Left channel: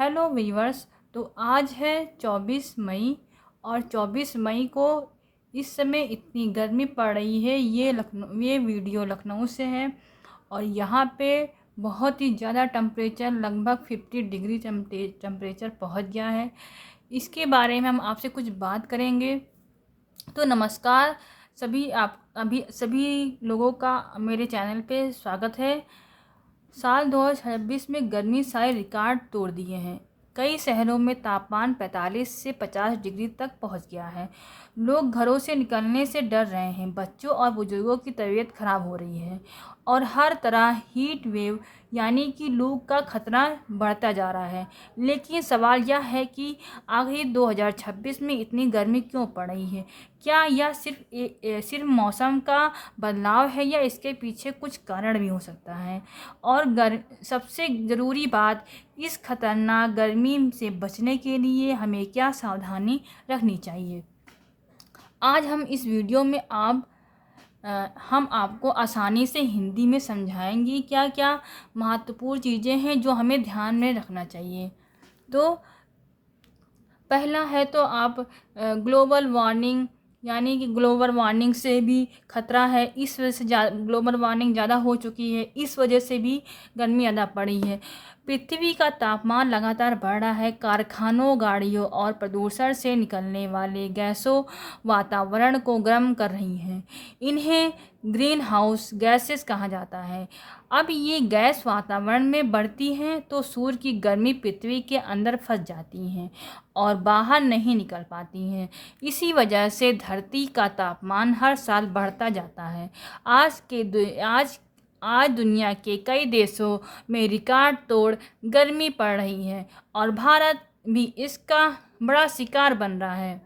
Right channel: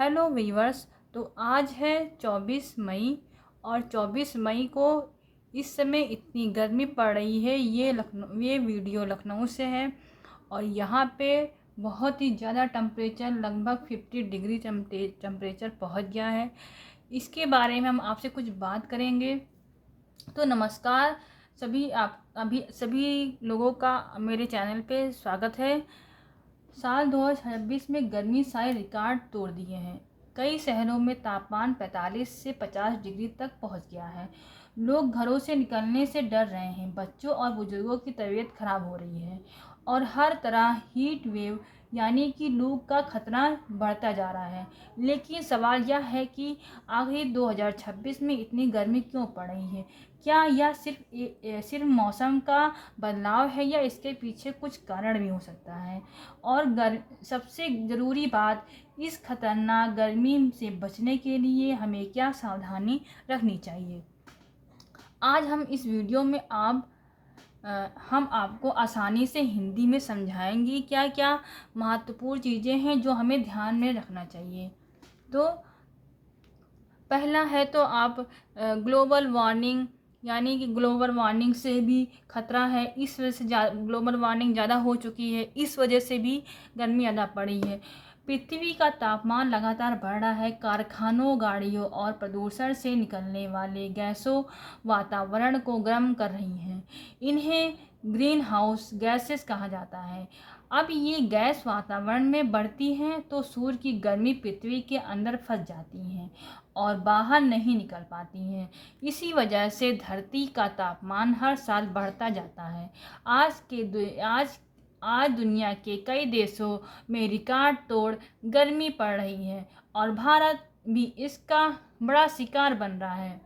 Hello viewers. तो आज है 24 मई और 24 मई को इस समय इतनी गर्मी पड़ रही है। ये वीडियो लखनऊ से है और यहाँ पे बहुत ही ज़्यादा टेम्परेचर लगभग 50 डिग्री टेम्परेचर पहुँच गया है। इसके बारे में हम आपसे कुछ बात करेंगे। तो नमस्कार सभी लोगों का मेरे चैनल पे स्वागत है। साल 2026 में गर्मी सारे रिकॉर्ड तोड़ दिए हैं। कई शहरों में तापमान 45 से 50 डिग्री तक पहुंच गया है। लोग घरों से निकलने से डर रहे हैं। बच्चों और बुजुर्गों की तबीयत खराब हो रही है और हर तरह हीट वेव यानी कि लू का खतरा बढ़ता जा रहा है। लेकिन सवाल यह है कि आखिर 2026 में इतनी गर्मी क्यों पड़ रही है? क्या यह सिर्फ मौसम का बदलाव है या इसके पीछे कुछ कारण भी हो सकता है? और सबसे ज़रूरी बात, इस खतरनाक गर्मी से बचने के लिए हमें क्या सावधानी रखनी चाहिए? आज हम इस वीडियो में हम आपको आसानी से हिंदी में समझाएंगे क्या क्या महत्वपूर्ण चीज़ें हैं जो हमें ध्यान में रखना चाहिए। तो पहला है तो आप ग्लोबल वार्मिंग यानी कि ग्लोबल वार्मिंग से भी खतरा है। इस वजह से ग्लोबल वार्मिंग ज़्यादा हो चुकी है, इस वजह से भी गर्मी ज़्यादा पड़ी है। पृथ्वी का तापमान लगातार बढ़ रहा है। कारखानों, गाड़ियों और प्रदूषण से निकलने वाले गैसों वातावरण को गर्म कर रही हैं। इन्हें ग्रीन हाउस गैसेस कहा जाता है। अब ये गैस वातावरण में बढ़ती हैं तो सूर्य की गर्मी पृथ्वी के अंदर फंस जाती हैं और बाहर नहीं निकल पाती हैं। इसी वजह से धरती का तापमान हर साल बढ़ता जाता है। आज दुनिया के कई देशों में रिकॉर्ड तोड़ गर्मी पड़ रही है और भारत भी इसका बड़ा शिकार बन रहा है।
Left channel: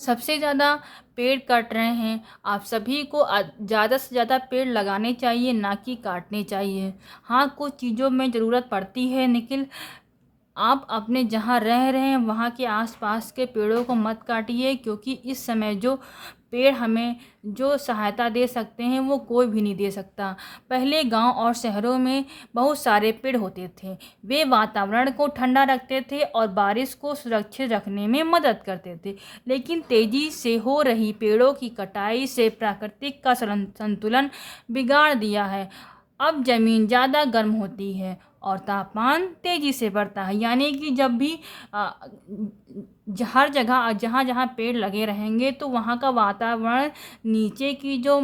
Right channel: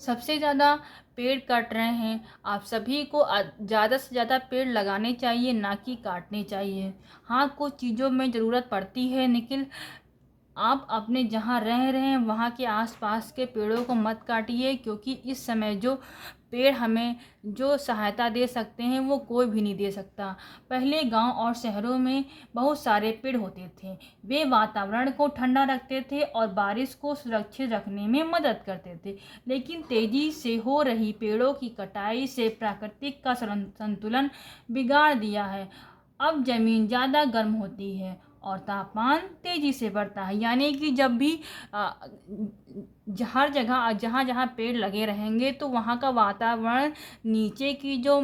सबसे ज़्यादा पेड़ कट रहे हैं। आप सभी को ज़्यादा से ज़्यादा पेड़ लगाने चाहिए, ना कि काटने चाहिए। हाँ, कुछ चीज़ों में ज़रूरत पड़ती है, लेकिन आप अपने जहाँ रह रहे हैं वहाँ के आसपास के पेड़ों को मत काटिए, क्योंकि इस समय जो पेड़ हमें जो सहायता दे सकते हैं वो कोई भी नहीं दे सकता। पहले गांव और शहरों में बहुत सारे पेड़ होते थे। वे वातावरण को ठंडा रखते थे और बारिश को सुरक्षित रखने में मदद करते थे। लेकिन तेज़ी से हो रही पेड़ों की कटाई से प्रकृति का संतुलन बिगाड़ दिया है। अब ज़मीन ज़्यादा गर्म होती है और तापमान तेज़ी से बढ़ता है। यानी कि जब भी हर जगह जहाँ जहाँ पेड़ लगे रहेंगे तो वहाँ का वातावरण, नीचे की जो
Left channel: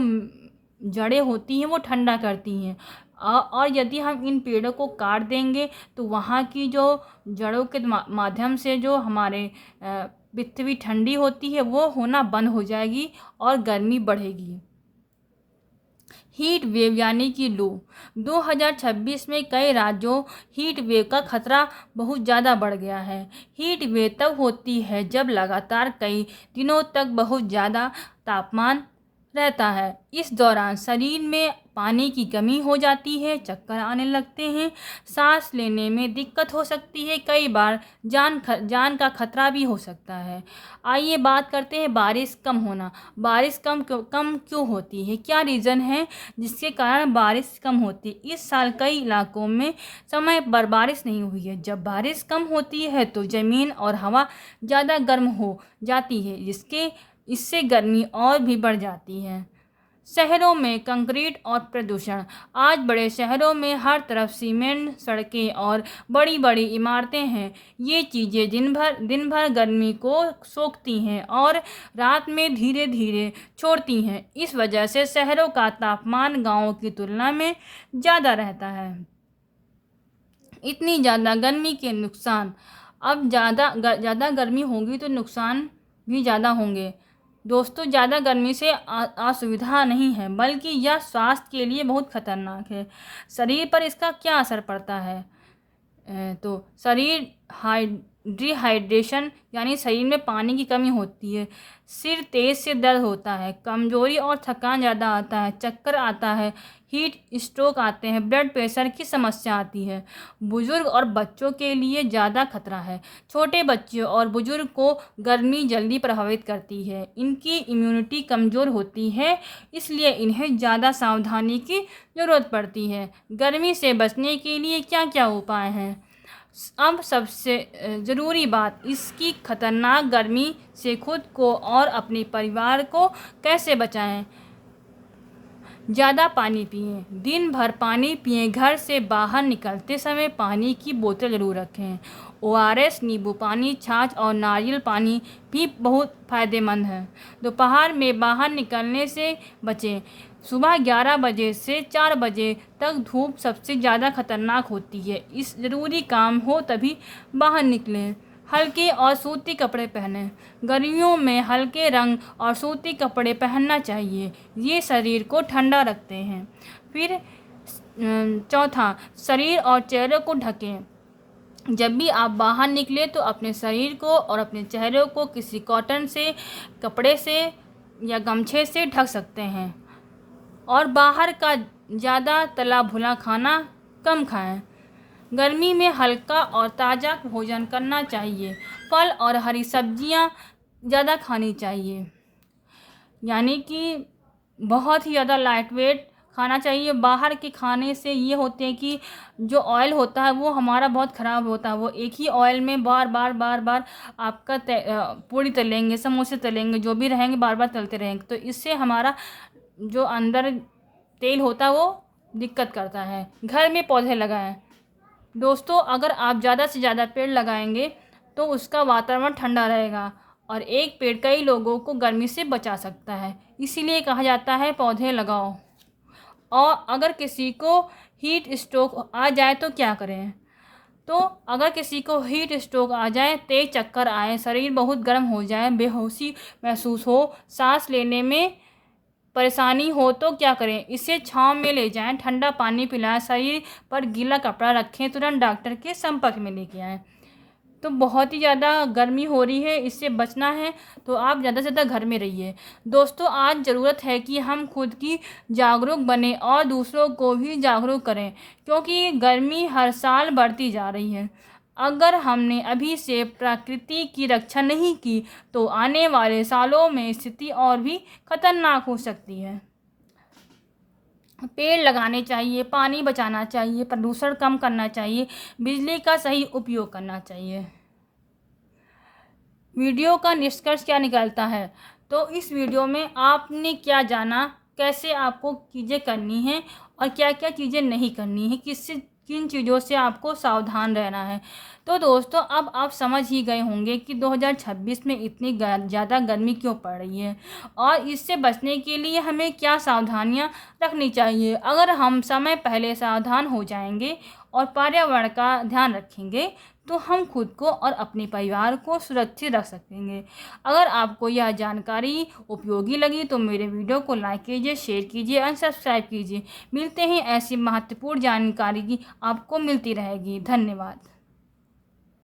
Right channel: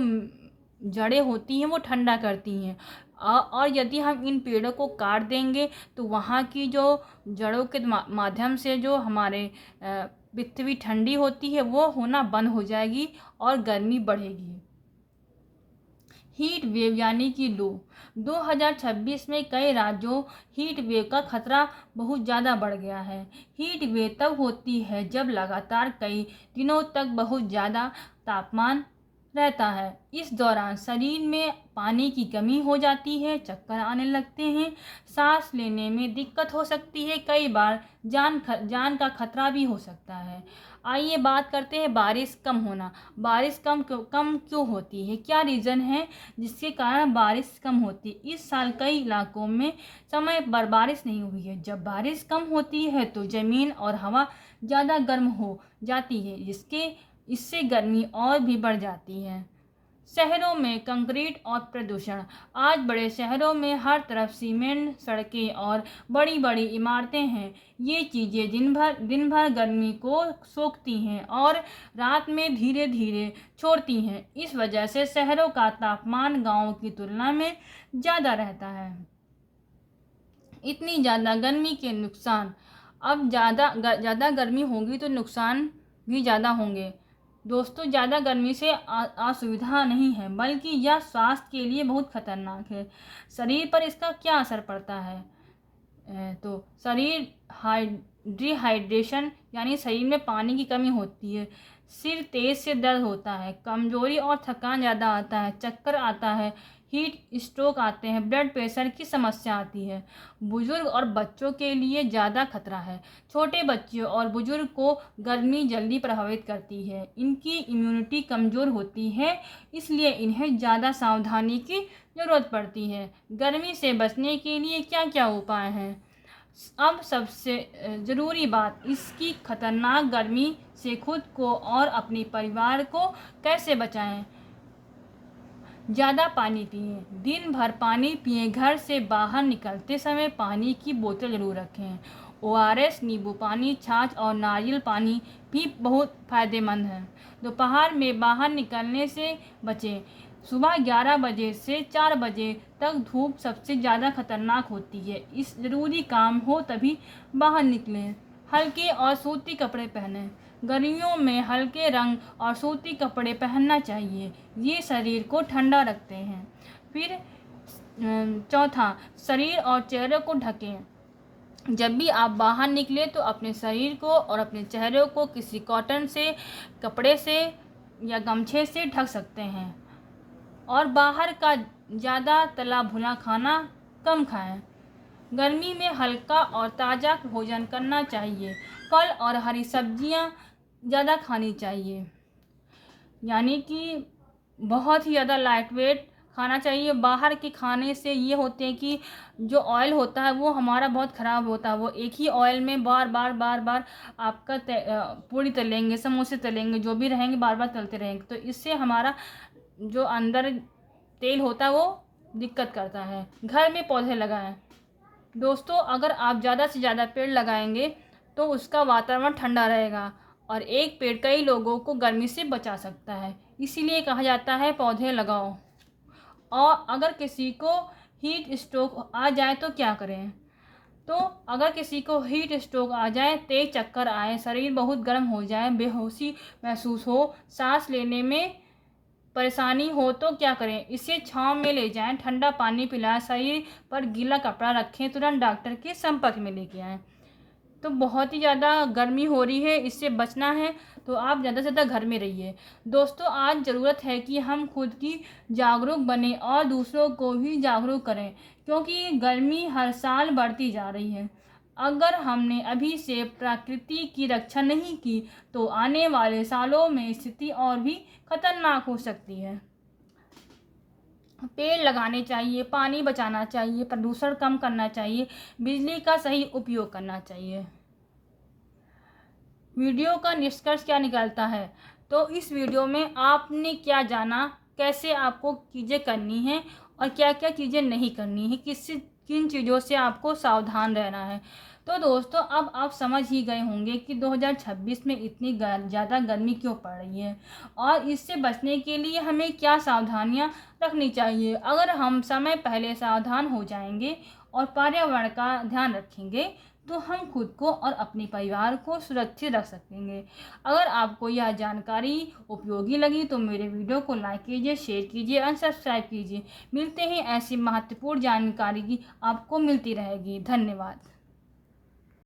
जड़ें होती हैं वो ठंडा करती हैं। और यदि हम इन पेड़ों को काट देंगे तो वहाँ की जो जड़ों के माध्यम से जो हमारे पृथ्वी ठंडी होती है वो होना बंद हो जाएगी और गर्मी बढ़ेगी। हीट वेव यानी कि लू 2026 में कई राज्यों हीट वेव का खतरा बहुत ज़्यादा बढ़ गया है। हीट वेव तब होती है जब लगातार कई दिनों तक बहुत ज़्यादा तापमान रहता है। इस दौरान शरीर में पानी की कमी हो जाती है, चक्कर आने लगते हैं, सांस लेने में दिक्कत हो सकती है, कई बार जान का खतरा भी हो सकता है। आइए बात करते हैं बारिश कम होना। बारिश कम क्यों होती है? क्या रीज़न है जिसके कारण बारिश कम होती है? इस साल कई इलाकों में समय पर बारिश नहीं हुई है। जब बारिश कम होती है तो ज़मीन और हवा ज़्यादा गर्म हो जाती है, इससे गर्मी और भी बढ़ जाती है। शहरों में कंक्रीट और प्रदूषण। आज बड़े शहरों में हर तरफ सीमेंट सड़कें और बड़ी बड़ी इमारतें हैं। ये चीज़ें दिन भर गर्मी को सोखती हैं और रात में धीरे धीरे छोड़ती हैं। इस वजह से शहरों का तापमान गांवों की तुलना में ज़्यादा रहता है। इतनी ज़्यादा गर्मी के नुकसान। अब ज़्यादा गर्मी होगी तो नुकसान भी ज़्यादा होंगे। दोस्तों, ज़्यादा गर्मी से असुविधा नहीं है, बल्कि यह स्वास्थ्य के लिए बहुत खतरनाक है। शरीर पर इसका क्या असर पड़ता है? तो डिहाइड्रेशन यानी शरीर में पानी की कमी होती है, सिर तेज से दर्द होता है, कमजोरी और थकान ज़्यादा आता है, चक्कर आता है, हीट स्ट्रोक आते हैं, ब्लड प्रेशर की समस्या आती है। बुजुर्ग और बच्चों के लिए ज़्यादा खतरा है। छोटे बच्चों और बुजुर्ग को गर्मी जल्दी प्रभावित करती है। इनकी इम्यूनिटी कमज़ोर होती है, इसलिए इन्हें ज़्यादा सावधानी की ज़रूरत पड़ती है। गर्मी से बचने के लिए क्या क्या उपाय हैं? अब सबसे ज़रूरी बात, इसकी खतरनाक गर्मी से खुद को और अपने परिवार को कैसे बचाएं। ज़्यादा पानी पिएं, दिन भर पानी पिएं। घर से बाहर निकलते समय पानी की बोतल ज़रूर रखें। ORS, नींबू पानी, छाछ और नारियल पानी भी बहुत फ़ायदेमंद है। दोपहर में बाहर निकलने से बचें। सुबह 11 बजे से 4 बजे तक धूप सबसे ज़्यादा खतरनाक होती है। इस ज़रूरी काम हो तभी बाहर निकलें। हल्के और सूती कपड़े पहनें। गर्मियों में हल्के रंग और सूती कपड़े पहनना चाहिए, ये शरीर को ठंडा रखते हैं। फिर चौथा, शरीर और चेहरे को ढकें। जब भी आप बाहर निकले तो अपने शरीर को और अपने चेहरे को किसी कॉटन से, कपड़े से या गमछे से ढक सकते हैं। और बाहर का ज़्यादा तला भुना खाना कम खाएं। गर्मी में हल्का और ताज़ा भोजन करना चाहिए। फल और हरी सब्जियां ज़्यादा खानी चाहिए, यानी कि बहुत ही ज़्यादा लाइट वेट खाना चाहिए। बाहर के खाने से ये होते हैं कि जो ऑयल होता है वो हमारा बहुत ख़राब होता है। वो एक ही ऑयल में बार बार आपका पूड़ी तलेंगे, समोसे तलेंगे, जो भी रहेंगे बार बार तलते रहेंगे, तो इससे हमारा जो अंदर तेल होता है वो दिक्कत करता है। घर में पौधे लगाएं। दोस्तों, अगर आप ज़्यादा से ज़्यादा पेड़ लगाएंगे तो उसका वातावरण ठंडा रहेगा और एक पेड़ कई लोगों को गर्मी से बचा सकता है। इसीलिए कहा जाता है पौधे लगाओ। और अगर किसी को हीट स्ट्रोक आ जाए तो क्या करें? तो अगर किसी को हीट स्ट्रोक आ जाए, तेज चक्कर आए, शरीर बहुत गर्म हो जाए, बेहोशी महसूस हो, सांस लेने में परेशानी हो तो क्या करें? इसे छांव में ले जाएं, ठंडा पानी पिलाएं, शरीर पर गीला कपड़ा रखें, तुरंत डॉक्टर के संपर्क में लेके आएं। तो बहुत ही ज़्यादा गर्मी हो रही है, इससे बचना है तो आप ज़्यादा से ज़्यादा घर में रहिए। दोस्तों, आज ज़रूरत है कि हम खुद की जागरूक बने और दूसरों को भी जागरूक करें, क्योंकि गर्मी हर साल बढ़ती जा रही है। अगर हमने अभी से प्रकृति की रक्षा नहीं की तो आने वाले सालों में स्थिति और भी खतरनाक हो सकती है। पेड़ लगाने चाहिए, पानी बचाना चाहिए, प्रदूषण कम करना चाहिए, बिजली का सही उपयोग करना चाहिए। वीडियो का निष्कर्ष क्या निकलता है? तो इस वीडियो में आपने क्या जाना, कैसे आपको चीज़ें करनी हैं और क्या क्या चीज़ें नहीं करनी है, किन चीज़ों से आपको सावधान रहना है। तो दोस्तों, अब आप समझ ही गए होंगे कि 2026 में इतनी ज़्यादा गर्मी क्यों पड़ रही है और इससे बचने के लिए हमें क्या सावधानियां रखनी चाहिए। अगर हम समय पहले सावधान हो जाएंगे और पर्यावरण का ध्यान रखेंगे तो हम खुद को और अपने परिवार को सुरक्षित रख सकेंगे। अगर आपको यह जानकारी उपयोगी लगी तो मेरे वीडियो को लाइक कीजिए, शेयर कीजिए और सब्सक्राइब कीजिए। मिलते हैं ऐसी महत्वपूर्ण जानकारी की आपको मिलती रहेगी। धन्यवाद।